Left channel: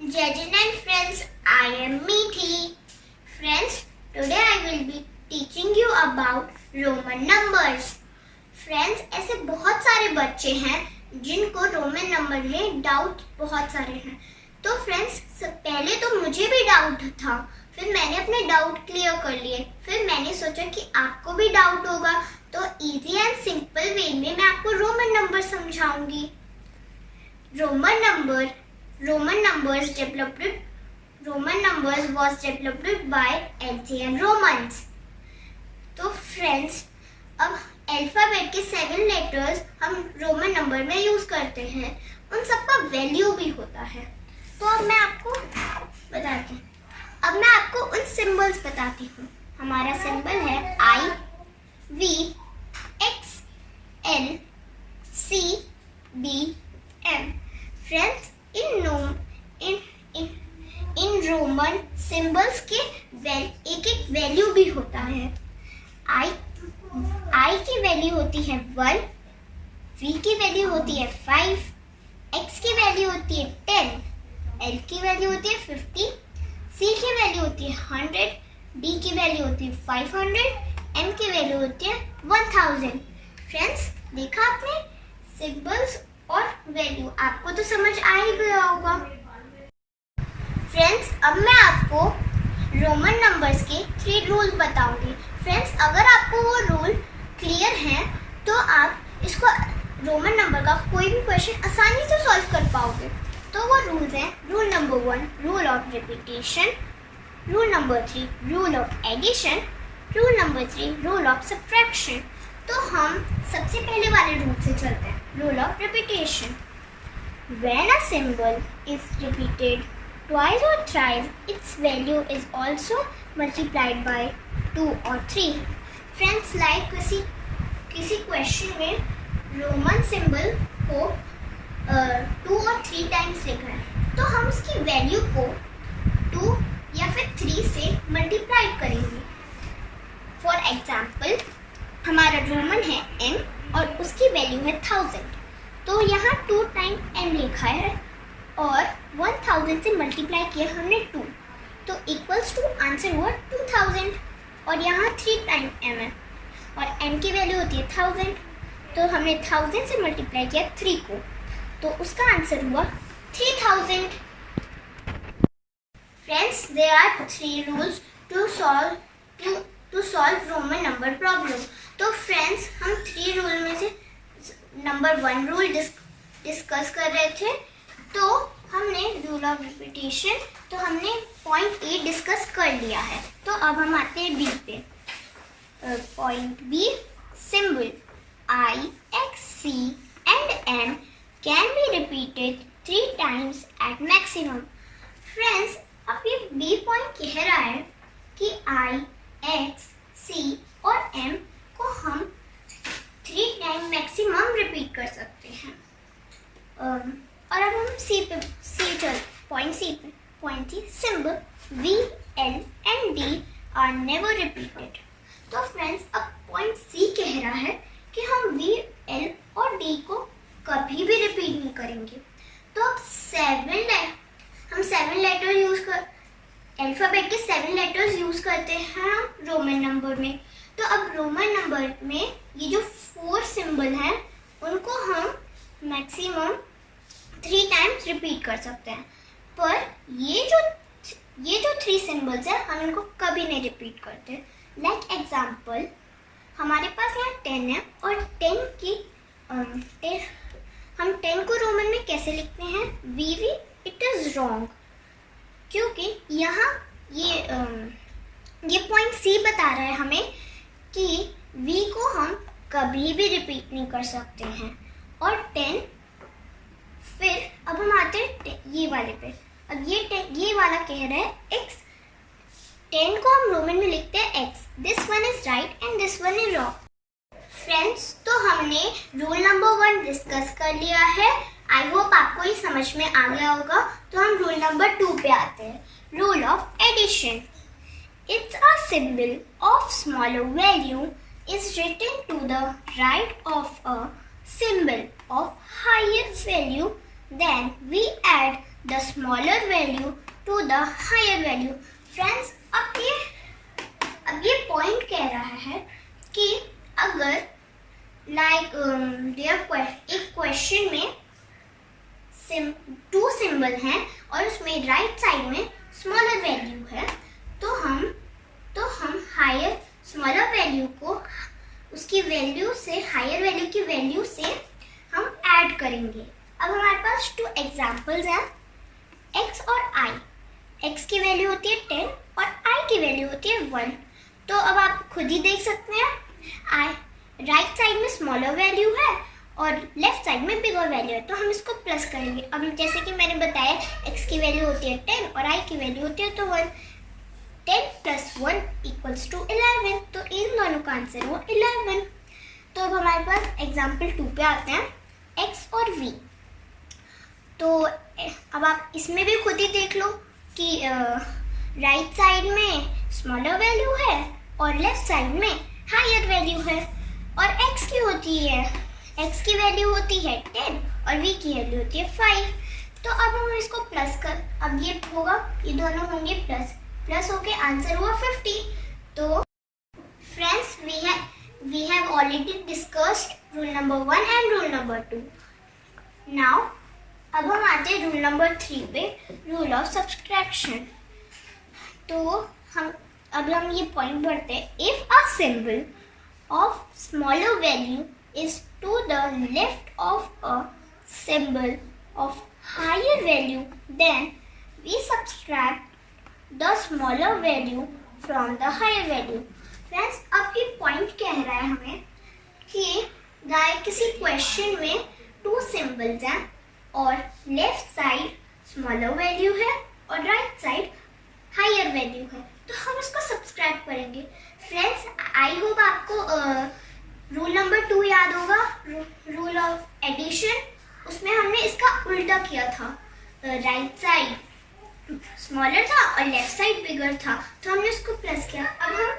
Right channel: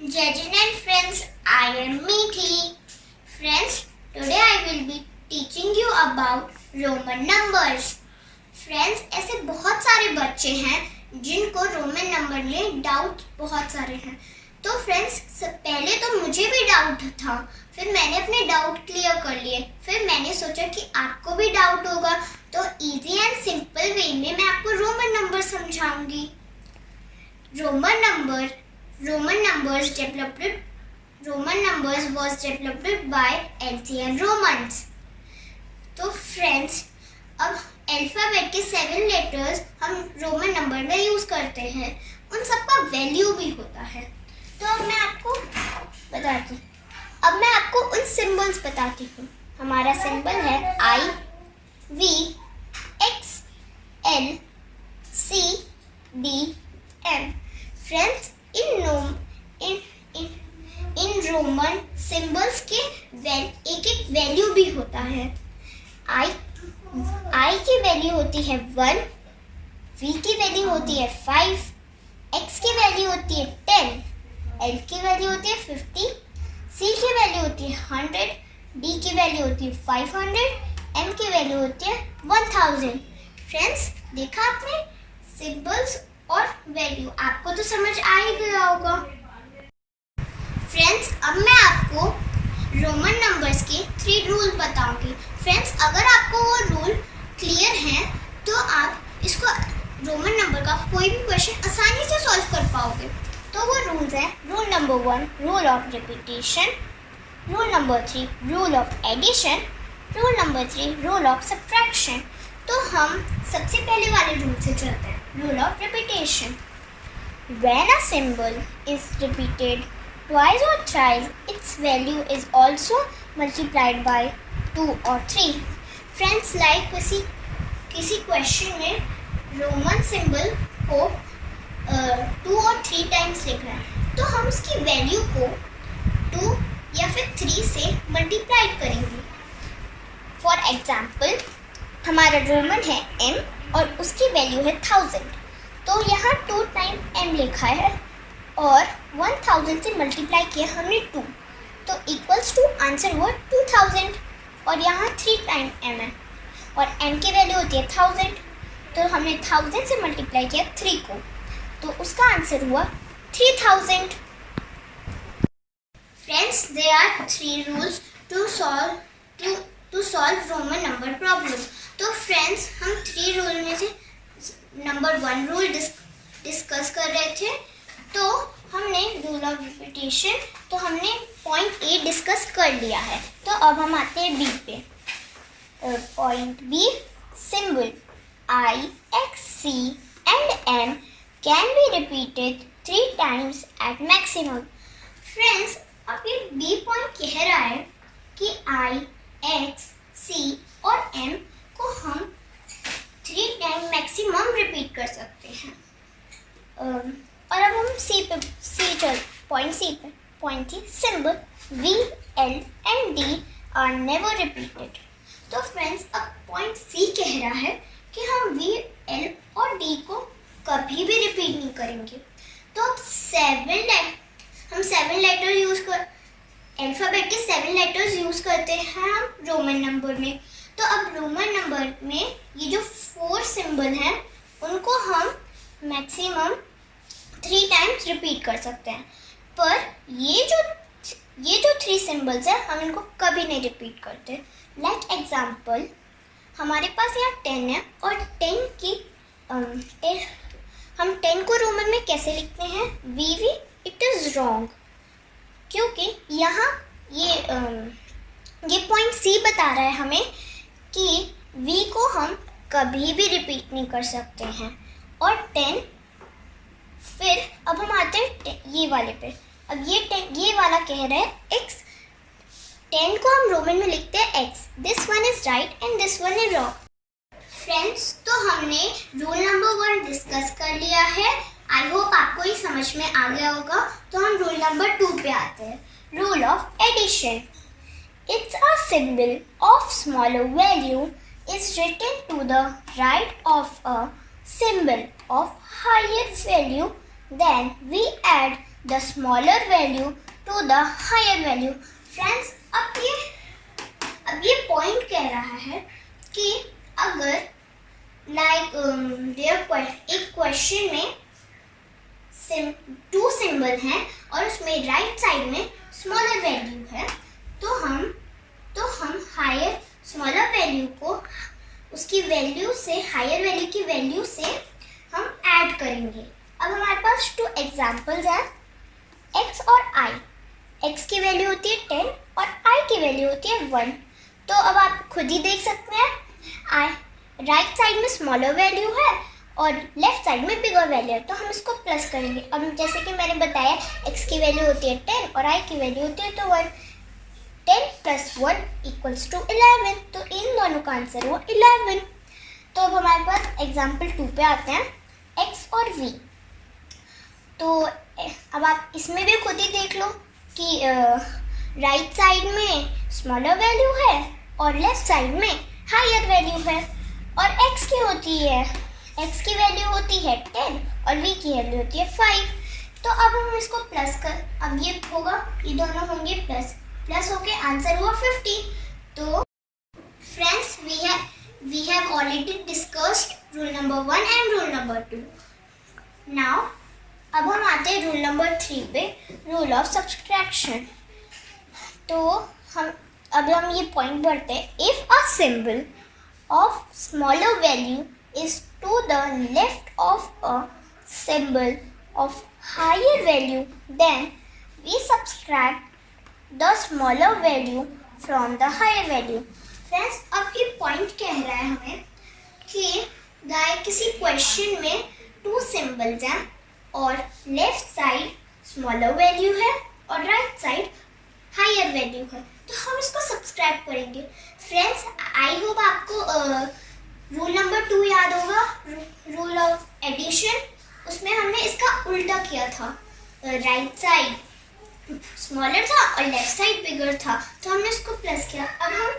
Judges and friends, I am Meethi. Friends, today I will be teaching you about Roman numbers. Friends, ऐसे बहुत सारे बच्चे हैं जिनको रोमन नंबर में डाउट बहुत सारे हैं. तो फ्रेंड्स, पहले तो मुझे भी डाउट था, फिर मैंने अपने डाउट क्लियर कर लिए. फिर मैंने सोचा कि आपको भी डाउट होगा, तो इजी एंड सिंपल वे में मैं आपको रोमन नंबर समझाऊंगी. Roman numbers was developed by ancient Romans. तो फ्रेंड्स, अब अल्फाबेट के 7 लेटर्स हम रोमन नंबर में यूज करते हैं. उन सबका वैल्यू भी होता है. तो अब मैं आपको बताती हूँ. अब मैं आपको उन सिंबल्स बताती हूँ. हमारा सिंबल है I, V, X, L, C, D, M. Friends, in Roman symbols के एक एक वैल्यू भी होता है. I की वैल्यू होती है 1, V की वैल्यू होती है 5, X की वैल्यू होती है 10, L की वैल्यू होती है 50, C की वैल्यू होती है 100, D की वैल्यू होती है 500, M की वैल्यू होती है 1000. फ्रेंड्स, देखा आपने सिंबल्स और वैल्यू, आपको तो समझ आ ही गया होगा. फ्रेंड्स, अब मैं आपको रोमन नंबर्स के 3 रूल बताऊंगी. फ्रेंड्स, अगर आपको वो रूल क्लियर हैं तो आप इसको रोमन नंबर का कोई भी क्वेश्चन आसानी से सॉल्व कर पाओगे. तो वो रूल्स हैं. Rule number 1, rule of repetition. Rule number 3, rule of addition. Rule number 3, rule of subtraction. तो हम सबसे पहले वाले रूल से चलते हैं. Rule of repetition. When a symbol is repeated twice or thrice, its value is also multiplied by 2 or 3. Friends, like किसी question में रोमन सिंबल को 2 और 3 टाइम्स लिखा है, तो हम उसकी वैल्यू को 2 या फिर 3 से मल्टीप्लाई करेंगे. फॉर एग्जाम्पल, हमारा रोमन है m और उसकी वैल्यू है 1000. तो यहाँ 2 टाइम m लिखा है और 1000 से मल्टीप्लाई किया हमने 2, तो इक्वल्स टू आंसर हुआ 2000. और यहाँ 3 टाइम m है और m की वैल्यू होती है 1000, तो हमने 1000 से मल्टीप्लाई किया 3 को, तो उसका आंसर हुआ 3000. Friends, there are 3 rules to solve Roman number problem. तो फ्रेंड्स, हम 3 रूल में से नंबर 1 रूल डिस्कस कर रहे थे. तो हमने रूल ऑफ रिपीटेशन, तो हमने पॉइंट ए डिस्कस कर लिया है. तो अब हम आते हैं बी पे. Point B, symbol I, X, C and M can be repeated 3 times at maximum. Friends, अब ये बी पॉइंट कह रहा है कि I, X, C और M को हम 3 टाइम मैक्सिमम रिपीट कर सकते हैं. और अब हम पॉइंट सी पे. Point C, symbol V, L and D are never repeated. तो फ्रेंड्स, अब पॉइंट सी कह रहा है कि हम V, L और D को कभी भी रिपीट नहीं करेंगे. तो अब 7 लेटर यूज कर, अल्फाबेट के 7 लेटर्स यूज करते हैं हम रोमन नंबर में. तो अब रोमन नंबर में ये जो 4 सिंबल हैं उनको हम मैक्सिमम 3 टाइम्स रिपीट कर सकते हैं. पर ये जो 3 सिंबल्स हैं हम इनको कभी नहीं रिपीट करते. लाइक एग्जाम्पल, हमारे पास यहाँ 10 है और 10 को रोमन में कैसे लिखते हैं? VV. इट इज़ रॉन्ग, क्योंकि यहाँ ये पॉइंट सी बता रहा है हमें कि V को हम कभी भी रिपीट नहीं कर सकते हैं. और 10, फिर अब हम आते हैं ये वाले पे. अब ये वाला कह रहा है X. 10 को हम रोमन में लिखते हैं X. This one is right and this one is wrong. Friends, तो हमने रूल नंबर 1 डिस्कस कर लिया है. आई होप आपको ये समझ में आ गया होगा. तो हम रूल नंबर 2 पे आते हैं. Rule of addition. It's a symbol of smaller value is written to the right of a symbol of higher value. Then we add the smaller value to the higher value. Friends, अब ये point कह रहा है कि अगर एक question में 2 symbol हैं और उसमें राइट साइड में स्मॉलर वैल्यू है, तो हम हायर स्मॉलर वैल्यू को उसकी वैल्यू से, हायर वैल्यू की वैल्यू से हम ऐड करेंगे। अब हमारे पास 2 एग्जाम्पल्स हैं, x और i। x की वैल्यू होती है 10 और i की वैल्यू होती है 1। तो अब आप खुद ही देख सकते हैं, राइट साइड में स्मॉलर वैल्यू है और लेफ्ट साइड में बिगर वैल्यू है, तो हम इसको प्लस करेंगे। अब जैसे कि मैंने बताया, x की वैल्यू होती है 10 और i की वैल्यू होती है तो 1। 10 + 1 = 11, तो इन दोनों का आंसर हुआ 11। तो अब हमारे पास एग्जाम्पल 2 पे आते हैं, x और v। तो अब आप इसमें भी खुद ही देख लो कि राइट साइड में स्मॉलर वैल्यू है और लेफ्ट साइड में हायर वैल्यू है। और x की होती है, x की वैल्यू होती है 10 और v की वैल्यू होती है 5। तो अब हम इसको प्लस कर, अब ये होगा, ये दोनों होंगे प्लस होके आंसर हुआ 50। तो friends, we have already discussed rule number 1 and rule number 2. Now अब हम आते हैं रूल नंबर 3 पे, रूल ऑफ सब्सट्रैक्शन। तो हम ये पॉइंट पढ़ते हैं, if a symbol of smaller value is to the left of a symbol of higher value, then we subtract the smaller value from the higher value. Friends, अब ये point कह रहा है हमें कि किसी क्वेश्चन में 2 सिंबल्स हैं और लेफ्ट साइड स्मॉलर वैल्यू है और राइट साइड हायर वैल्यू है, तो हम इसको सब्सट्रैक्ट करेंगे। फ्रेंड्स, आई होप आपको रूल नंबर 2 याद होगा, रूल ऑफ एडिशन। उसमें हमने इसका उल्टा किया था, राइट साइड स्मॉलर था और लेफ्ट साइड बिगर था, तो हमने इसको प्लस किया। अब हम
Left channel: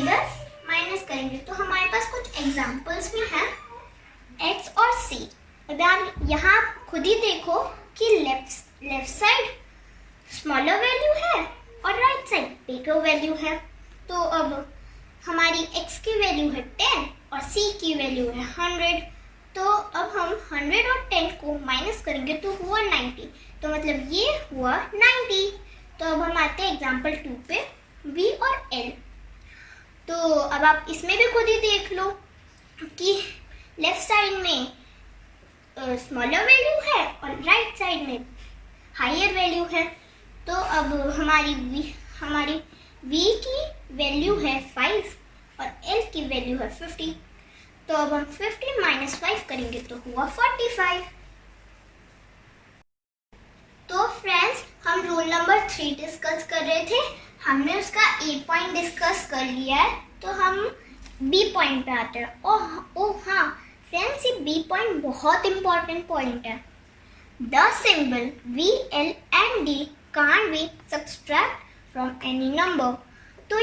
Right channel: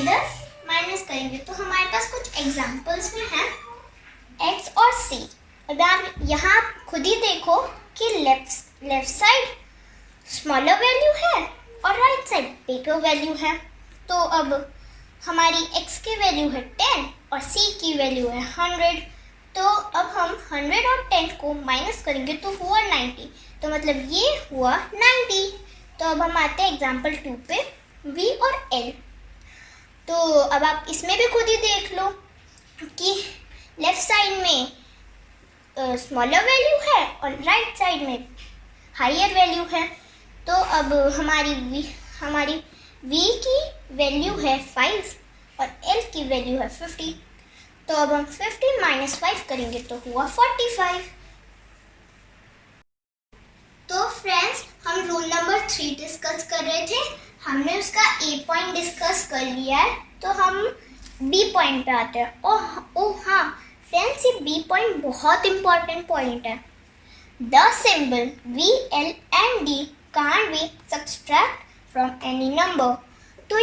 इधर माइनस करेंगे, तो हमारे पास कुछ एग्जाम्पल्स भी हैं, x और c। अब आप यहाँ खुद ही देखो कि लेफ्ट साइड स्मॉलर वैल्यू है और राइट साइड बिगर वैल्यू है। तो अब हमारी x की वैल्यू है 10 और c की वैल्यू है 100। तो अब हम 100 और 10 को माइनस करेंगे तो हुआ 90, तो मतलब ये हुआ 90। तो अब हम आते हैं एग्जाम्पल 2 पे, v और l। तो अब आप इसमें भी खुद ही देख लो कि लेफ्ट साइड में स्मॉलर वैल्यू है और राइट साइड में हायर वैल्यू है। तो अब हमारी v की वैल्यू है 5 और l की वैल्यू है 50। तो अब हम 50 - 5 करेंगे तो हुआ 45। तो फ्रेंड्स, हम रूल नंबर 3 डिस्कस कर रहे थे, हमने उसका ए पॉइंट डिस्कस कर लिया है, तो हम बी पॉइंट पे आते हैं। ओह हाँ फ्रेंड्स, ये बी पॉइंट बहुत इंपॉर्टेंट पॉइंट है। The symbol v, l and d can't be subtract from any number। तो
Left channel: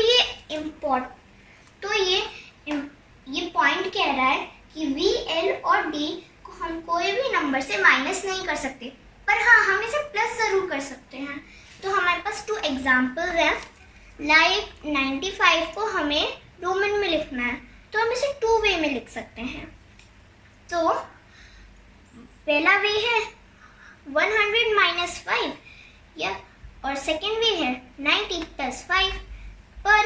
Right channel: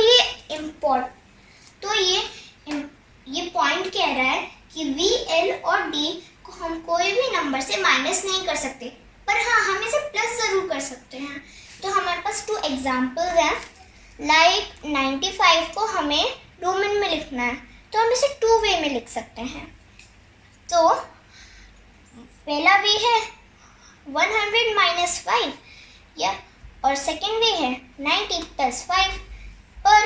ये पॉइंट कह रहा है कि v, l और d को हम कोई भी नंबर से माइनस नहीं कर सकते, पर हाँ हम इसे प्लस जरूर कर सकते हैं। तो हमारे पास 2 एग्जाम्पल्स हैं, लाइक 95 को हमें रोमन में लिखना है, तो हम इसे 2 वे में लिख सकते हैं। तो पहला वे है 100 - 5 या, और सेकेंड वे है 90 + 5। पर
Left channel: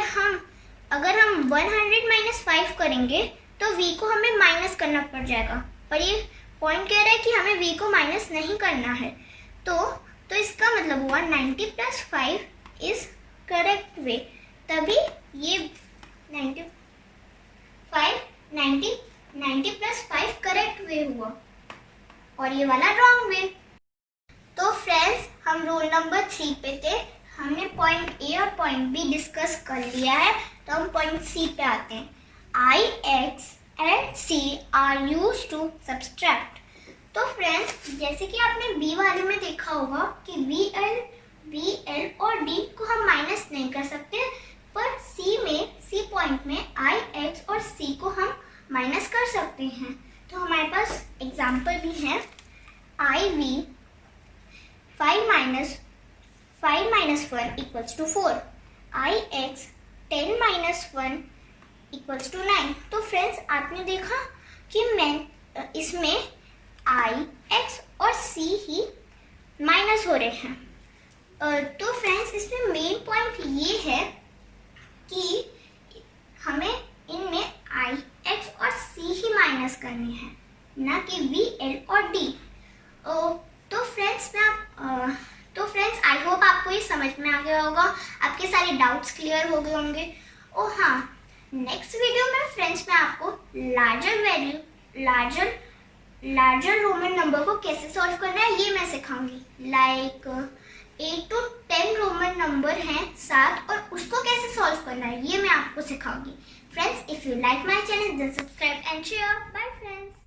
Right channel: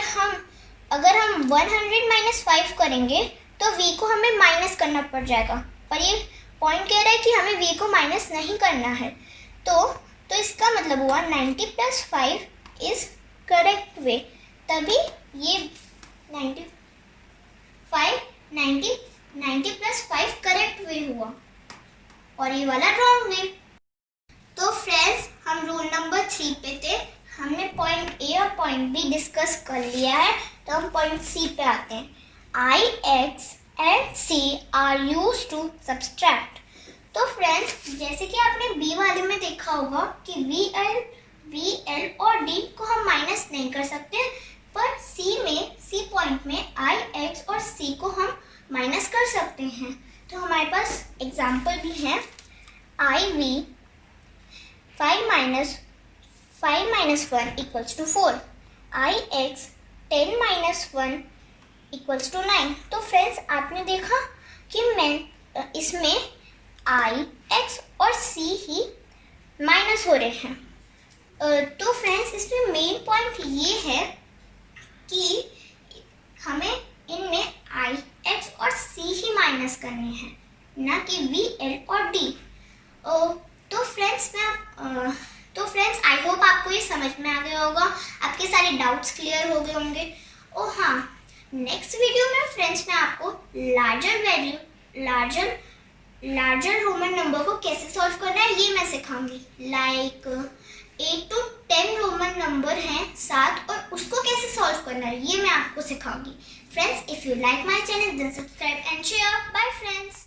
अगर हम 100 - 5 करेंगे तो v को हमें माइनस करना पड़ जाएगा, पर ये पॉइंट कह रहा है कि हमें v को माइनस नहीं करना है। तो इसका मतलब हुआ 90 + 5 इज करेक्ट वे, तभी ये 90 + 5 करेक्ट वे हुआ और ये वाला रॉन्ग वे। तो फ्रेंड्स, हम रूल नंबर 3 पे थे, हमने पॉइंट ए और पॉइंट बी डिस्कस कर लिया है, तो हम पॉइंट सी पे आते हैं। I, X and C are used to subtract। तो फ्रेंड्स, जैसे कि आपने बी वाले में देखा होगा कि V, L और D को हम माइनस नहीं कर सकते, पर C पॉइंट में I, X और C को हम माइनस कर सकते हैं। तो हमारे पास एग्जाम्पल भी है, IV 5 minus 1 equals to 4. Ix 10 minus 1 equals to 9. तो फ्रेंड्स आपने देखा कि मैं इसमें I, X और C ही माइनस हो रहे हैं। तो फ्रेंड्स इसमें मेन पॉइंट ये है कि हमें इनमें I, X और C ही माइनस करने हैं, ना कि V, L और D। तो फ्रेंड्स आई होप आपको ये समझ में आ गया होगा, आपके सारे डाउट्स क्लियर हो गए होंगे। और हाँ, नेक्स्ट वीडियो में फ्रेंड्स मैं आपको लार्जर रोमन नंबर को कैसे सॉल्व करना है ये मैं सिखाऊंगी। लाइक 8 to 10 रोमन नंबर हैं 7 और उसको कैसे सॉल्व करना है ये मैं आपको सिखाऊंगी। Friends, if you like my channel then subscribe and share. Bye friends.